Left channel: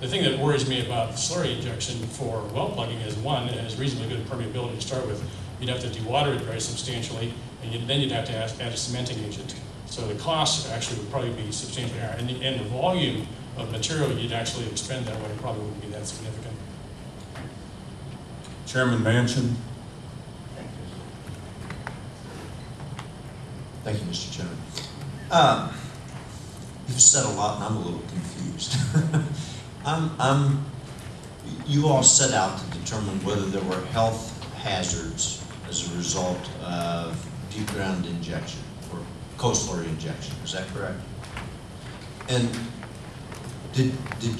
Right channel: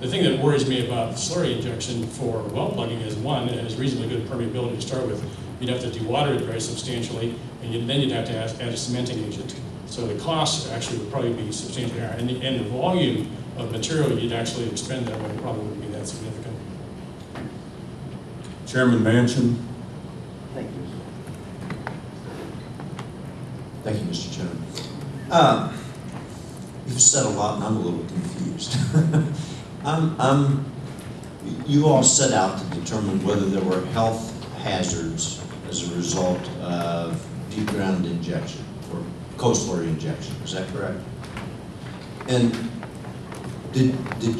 The thing that worries me about slurry injection for well plugging is, one, it has reasonably good permeability to start with. You'd have to dewater it very substantially, and then you'd have to add a cementing agent. So the cost actually would probably be substantially higher. And the volume of material you'd actually expend that way probably wouldn't be that significant. Chairman Manchin. Thank you. Thank you, Mr. Chairman. You've said a lot and I'm a little confused. You all set out to determine whether there were health hazards as a result of deep ground injection or coastal injection. Is that correct? And did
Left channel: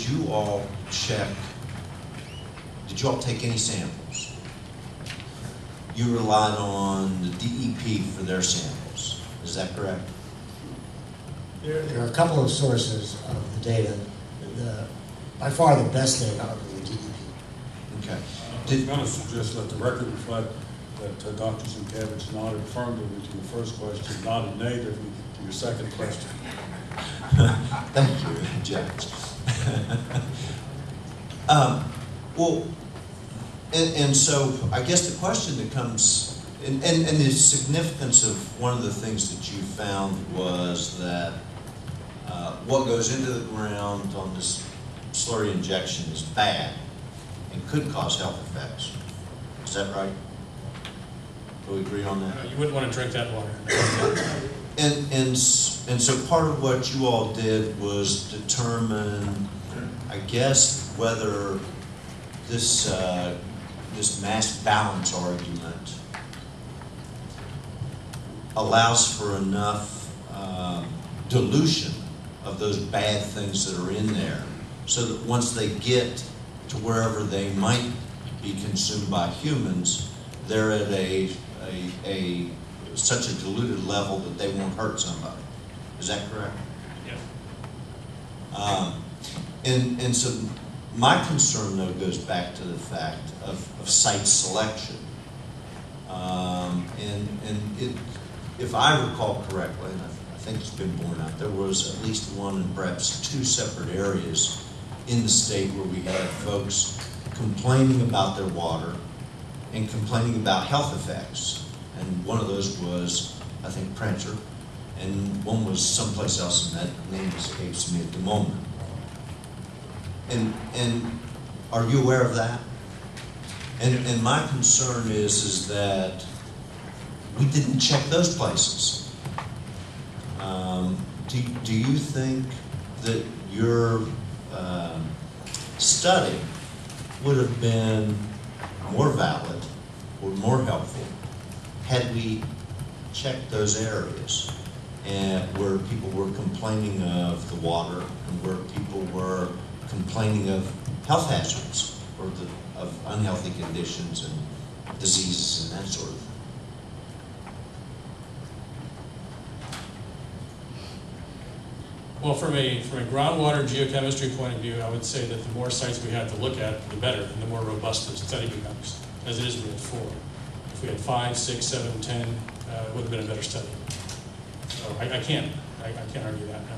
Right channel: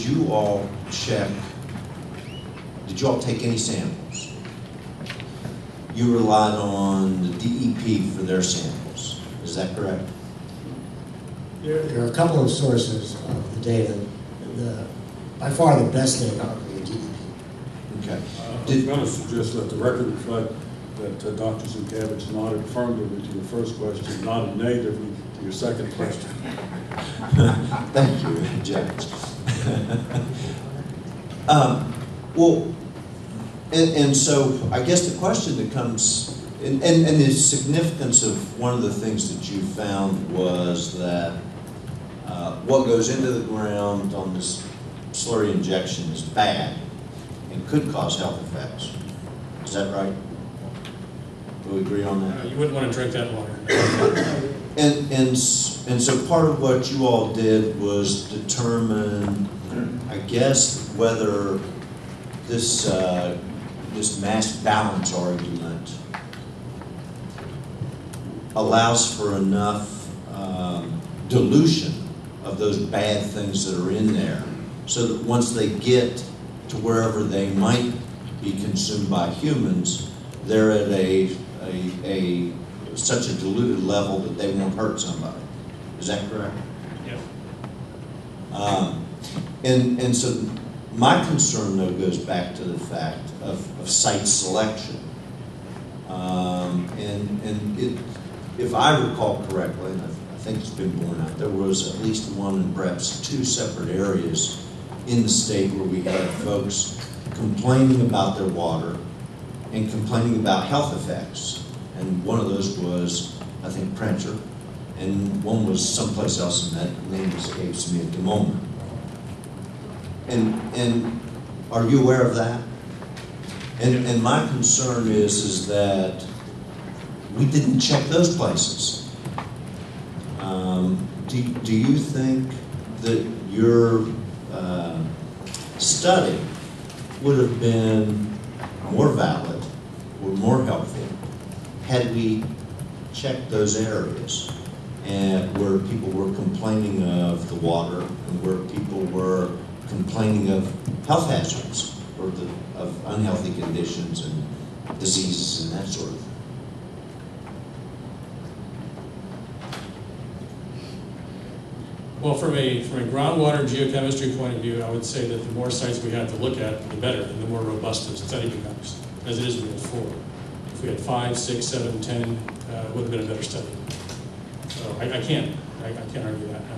you all check? Did you all take any samples? You relied on the DEP for their samples. Is that correct? There are a couple of sources of the data. By far the best data are the DEP. Okay. I'm going to suggest that the record reflect that Dr. Zucavich nodded affirmatively to your first question, nodded negatively to your second question. Thank you, Judge. Well, and so I guess the question that comes, and the significance of one of the things that you found was that what goes into the ground on this slurry injection is bad and could cause health effects. Is that right? Do we agree on that? You wouldn't want to drink that water. And so part of what you all did was determine, I guess, whether this this mass balance argument allows for enough dilution of those bad things that are in there, so that once they get to wherever they might be consumed by humans, they're at such a diluted level that they won't hurt somebody. Is that correct? Yeah. And so my concern, though, goes back to the fact of site selection. If I recall correctly, and I think it's been borne out, there was at least one and perhaps two separate areas in the state where we had folks complaining about their water and complaining about health effects. And one of those was, I think, Prancer, and one was someplace else, and that name escapes me at the moment. And are you aware of that? And my concern is that we didn't check those places. Do you think that your study would have been more valid or more helpful had we checked those areas and where people were complaining of the water and where people were complaining of health hazards or of unhealthy conditions and diseases and that sort of thing? Well, from a groundwater geochemistry point of view, I would say that the more sites we have to look at, the better, and the more robust the study becomes, as it is we had 4. If we had 5, 6, 7, 10, it would have been a better study. So I can't argue that. No.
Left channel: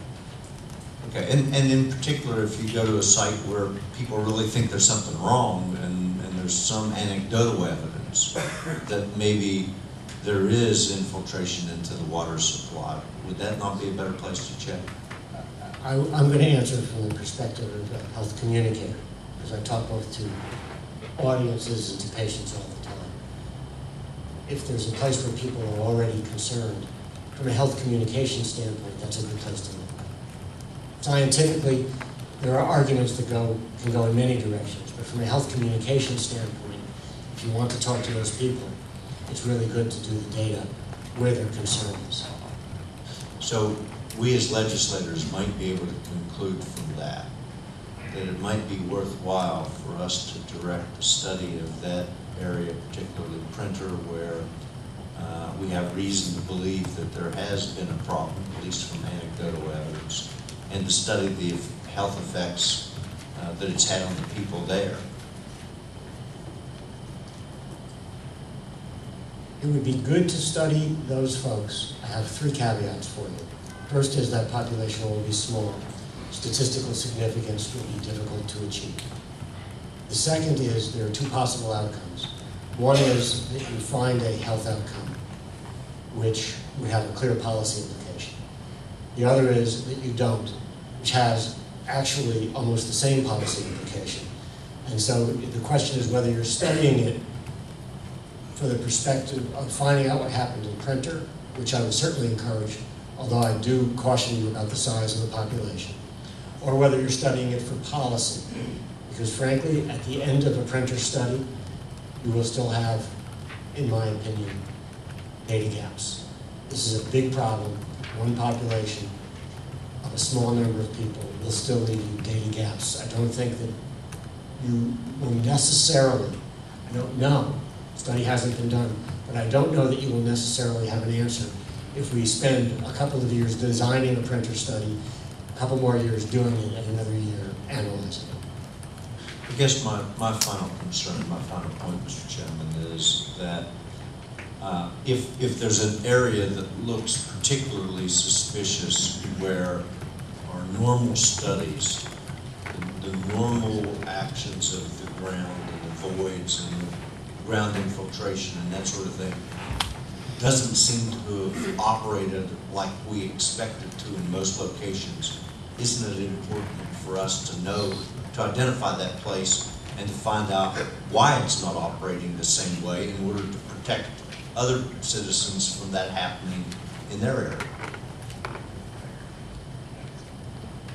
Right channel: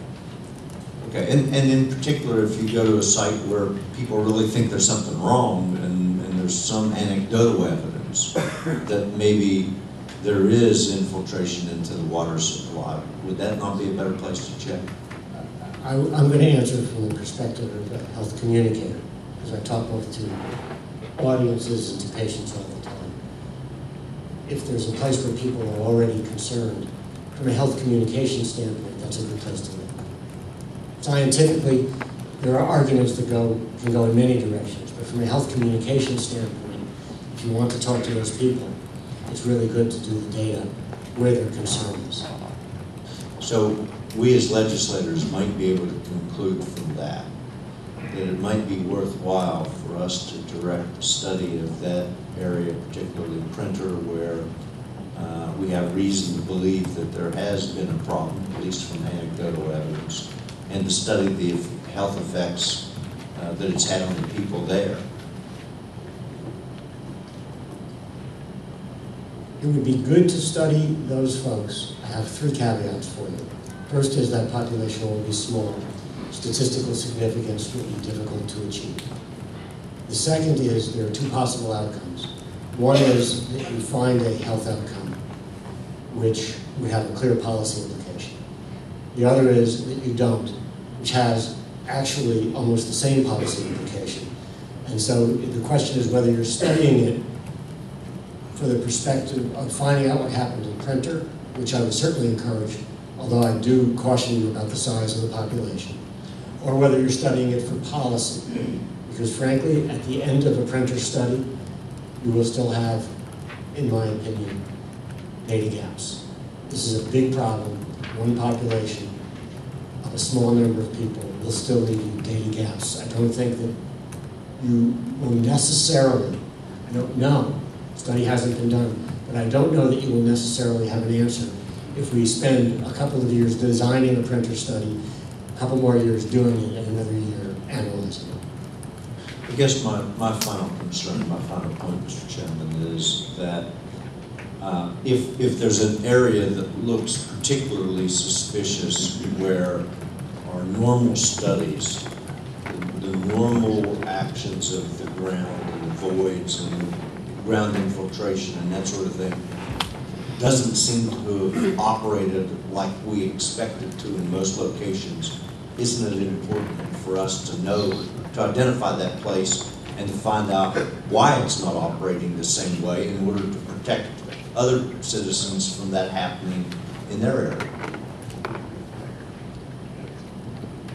Okay, and in particular, if you go to a site where people really think there's something wrong and there's some anecdotal evidence that maybe there is infiltration into the water supply, would that not be a better place to check? I'm going to answer from the perspective of a health communicator, because I talk both to audiences and to patients all the time. If there's a place where people are already concerned, from a health communication standpoint, that's a good place to look. Scientifically, there are arguments that can go in many directions, but from a health communication standpoint, if you want to talk to those people, it's really good to do the data where their concern is. So we as legislators might be able to conclude from that it might be worthwhile for us to direct the study of that area, particularly Printer, where we have reason to believe that there has been a problem, at least from anecdotal evidence, and to study the health effects that it's had on the people there. It would be good to study those folks. I have 3 caveats for you. First is that population will be small. statistical significance will be difficult to achieve. The second is there are two possible outcomes. One is that you find a health outcome which would have a clear policy implication. The other is that you don't, which has actually almost the same policy implication. And so the question is whether you're studying it for the perspective of finding out what happened in printer, which I would certainly encourage, although I do caution you about the size of the population, or whether you're studying it for policy. Because frankly, at the end of a printer study, you will still have, in my opinion, data gaps. This is a big problem. One population of a small number of people will still leave you data gaps. I don't think that you will necessarily, I don't know, study hasn't been done, but I don't know that you will necessarily have an answer if we spend a couple of years designing a printer study, a couple more years doing it, and another year analyzing it. I guess my final concern, my final point, Mr. Chairman, is that if there's an area that looks particularly suspicious where our normal studies, the normal actions of the ground and the voids and ground infiltration and that sort of thing, doesn't seem to have operated like we expected to in most locations, isn't it important for us to know, to identify that place and to find out why it's not operating the same way in order to protect other citizens from that happening in their area?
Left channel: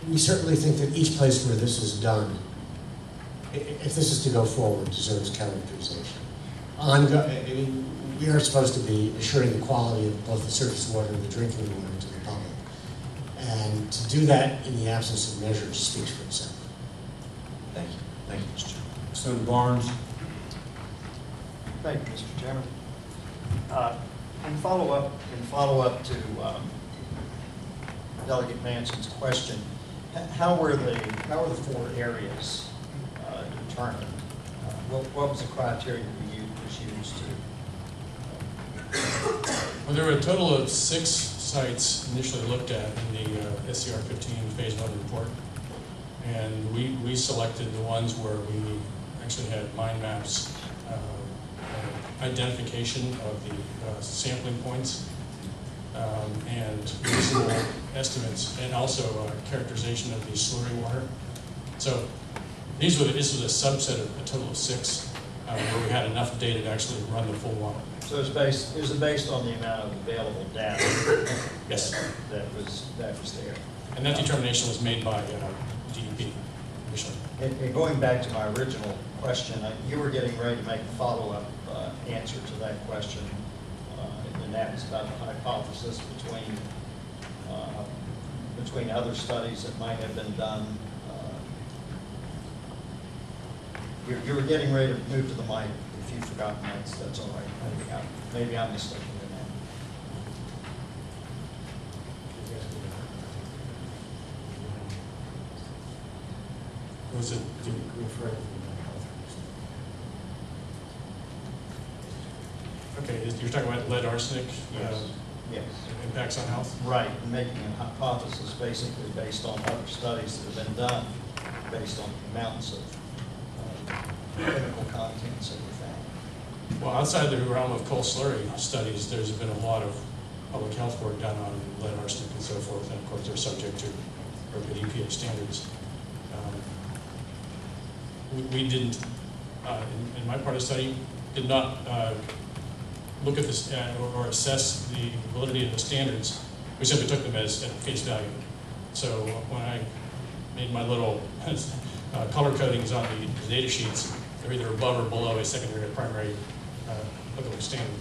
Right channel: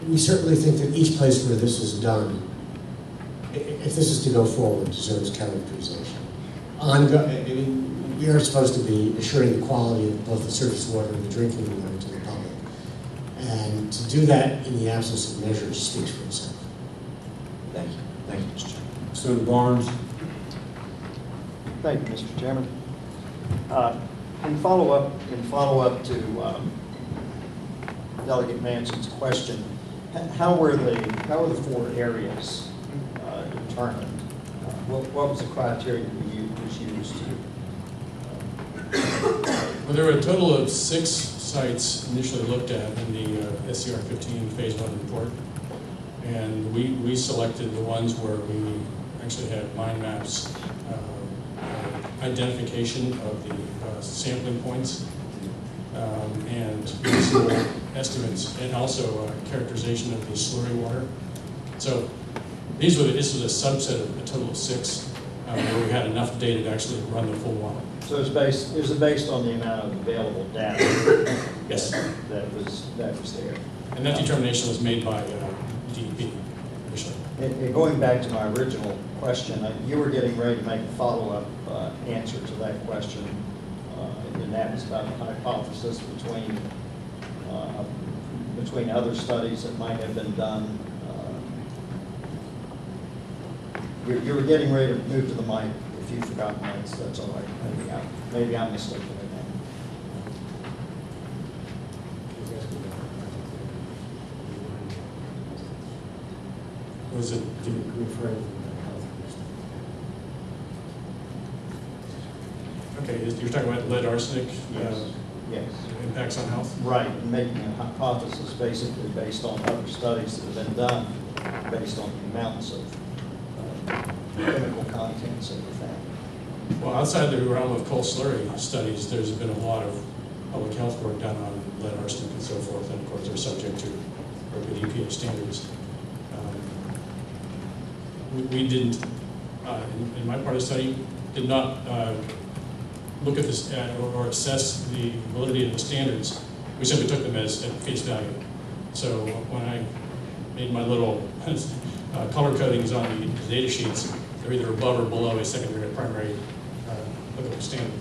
We certainly think that each place where this is done, if this is to go forward, deserves characterization. We are supposed to be assuring the quality of both the surface water and the drinking water to the public. And to do that in the absence of measures speaks for itself. Thank you. Thank you, Mr. Chairman. Senator Barnes. Thank you, Mr. Chairman. In follow-up to Delegate Manson's question, how were the 4 areas determined? What was the criteria that was used to? Well, there were a total of 6 sites initially looked at in the SCR 15 Phase 1 report. And we selected the ones where we actually had mind maps, identification of the sampling points, and reasonable estimates, and also characterization of the slurry water. So this was a subset of a total of 6, where we had enough data to actually run the full model. So it was based on the amount of available data Yes. that was there. And that determination was made by DEP initially. And going back to my original question, you were getting ready to make a follow-up answer to that question, and that was about the hypothesis between other studies that might have been done. You were getting ready to move to the mic. If you've forgotten that, that's all right. Maybe I'm mistaken in that. Was it Referring okay? You're talking about lead arsenic Yes. impacts on health? Right, and making a hypothesis basically based on other studies that have been done, based on the amounts of chemical contents that were found. Well, outside the realm of coal slurry studies, there's been a lot of public health work done on lead arsenic and so forth, and of course they're subject to appropriate EPA standards. We didn't, in my part of the study, did not look at this or assess the validity of the standards. We simply took them as at face value. So when I made my little color codings on the data sheets, they're either above or below a secondary or primary applicable standard.